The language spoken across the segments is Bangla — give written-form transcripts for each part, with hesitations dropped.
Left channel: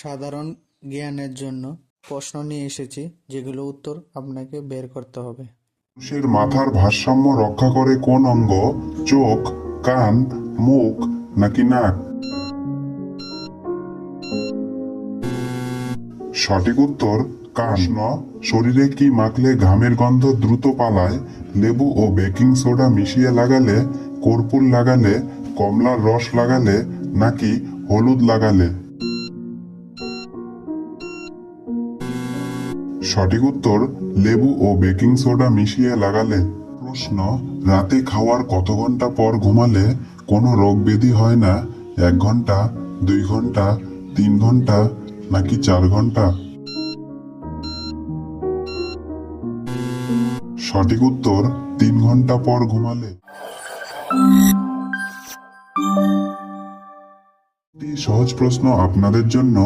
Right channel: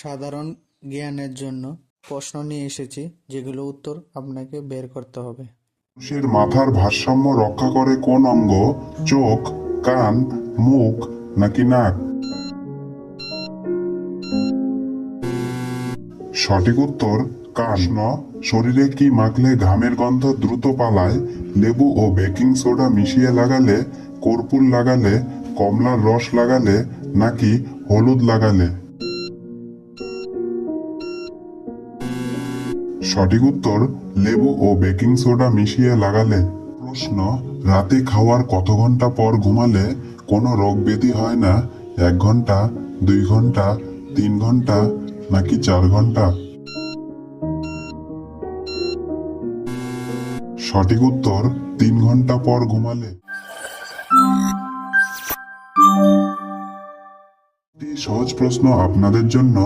সাধারণ জ্ঞানের জন্য প্রশ্ন নিয়ে এসেছি, যেগুলো উত্তর আপনাকে বের করতে হবে। মানুষের মাথার ভারসাম্য রক্ষা করে কোন অঙ্গ? চোখ, কান, মুখ নাকি নাক? সঠিক উত্তর কান। শরীরে কি মাখলে ঘামের গন্ধ দ্রুত পালায়? লেবু ও বেকিং সোডা মিশিয়ে লাগালে, কর্পূর লাগালে, কমলার রস লাগালে নাকি হলুদ লাগালে? সঠিক উত্তর লেবু ও বেকিং সোডা মিশিয়ে লাগালে। প্রশ্ন, রাতে খাওয়ার কত ঘন্টা পর ঘুমালে কোনো রোগ ব্যাধি হয় না? 1 ঘন্টা, 2 ঘন্টা, 3 ঘন্টা নাকি 4 ঘন্টা? সঠিক উত্তর 3 ঘন্টা পর ঘুমালে। একটি সহজ প্রশ্ন আপনাদের জন্য।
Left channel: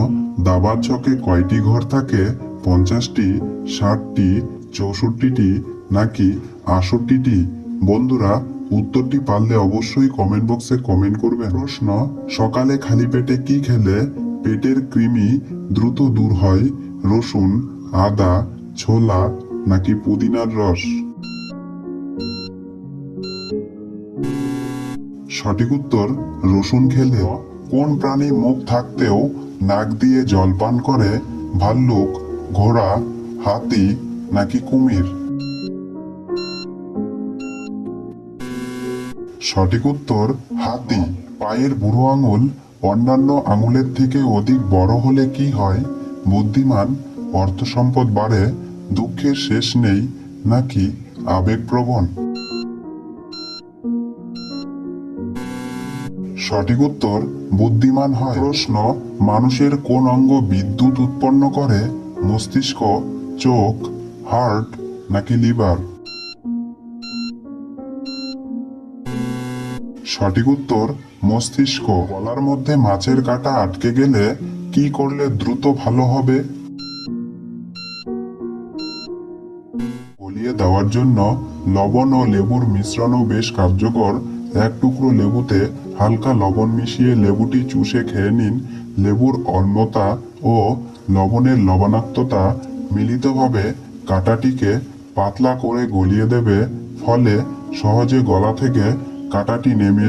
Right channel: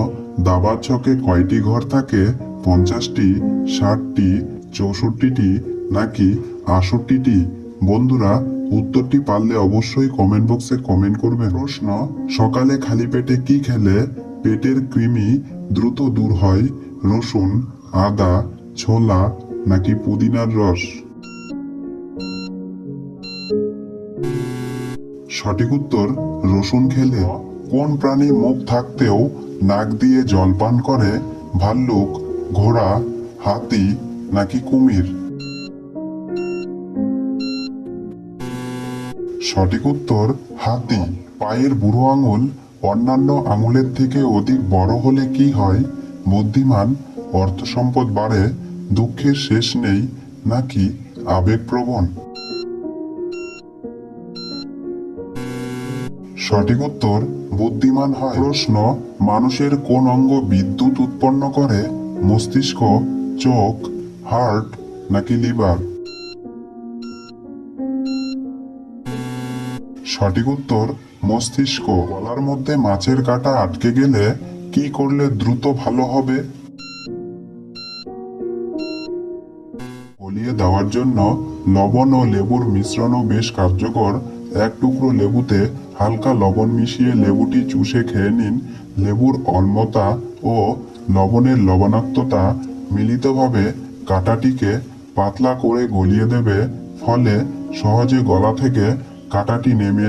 দাবার ছকে কয়টি ঘর থাকে? 50টি, 60টি, 64টি নাকি 68টি? বন্ধুরা, উত্তরটি পারলে অবশ্যই কমেন্ট বক্সে কমেন্ট করবেন। প্রশ্ন, সকালে খালি পেটে কি খেলে পেটের কৃমি দ্রুত দূর হয়? রসুন, আদা, ছোলা নাকি পুদিনার রস? সঠিক উত্তর রসুন খেলে। কোন প্রাণী মুখ থাকতেও নাক দিয়ে জল পান করে? ভাল্লুক, ঘোড়া, হাতি নাকি কুমির? সঠিক উত্তর হাতি। পায়ের বুড়ো আঙুল অন্যান্য আঙুলের থেকে অধিক বড় হলে কি হয়? বুদ্ধিমান, অর্থ সম্পদ বাড়ে, দুঃখের শেষ নেই নাকি আবেগপ্রবণ? সঠিক উত্তর বুদ্ধিমান হয়। প্রশ্ন, মানুষের কোন অঙ্গ বিদ্যুৎ উৎপন্ন করে? মস্তিষ্ক, চোখ, হার্ট নাকি লিভার? সঠিক উত্তর মস্তিষ্ক। গলার মধ্যে মাছের কাঁটা আটকে গেলে কি করলে দ্রুত ভালো হবে? গলিয়ে দেওয়ার জন্য লবণ ও লেবুর মিশ্রণও বেশ কার্যকর। 1 টুকরো লেবুতে হালকা লবণ মিশিয়ে লেবুটি চুষে খেয়ে নিন। লেবুর অম্লতা ও লবণের লবণাক্ততা মিলিতভাবে কাঁটাটিকে পাতলা করে গলিয়ে দেবে, ফলে সহজে গলা থেকে কাঁটাটি নেমে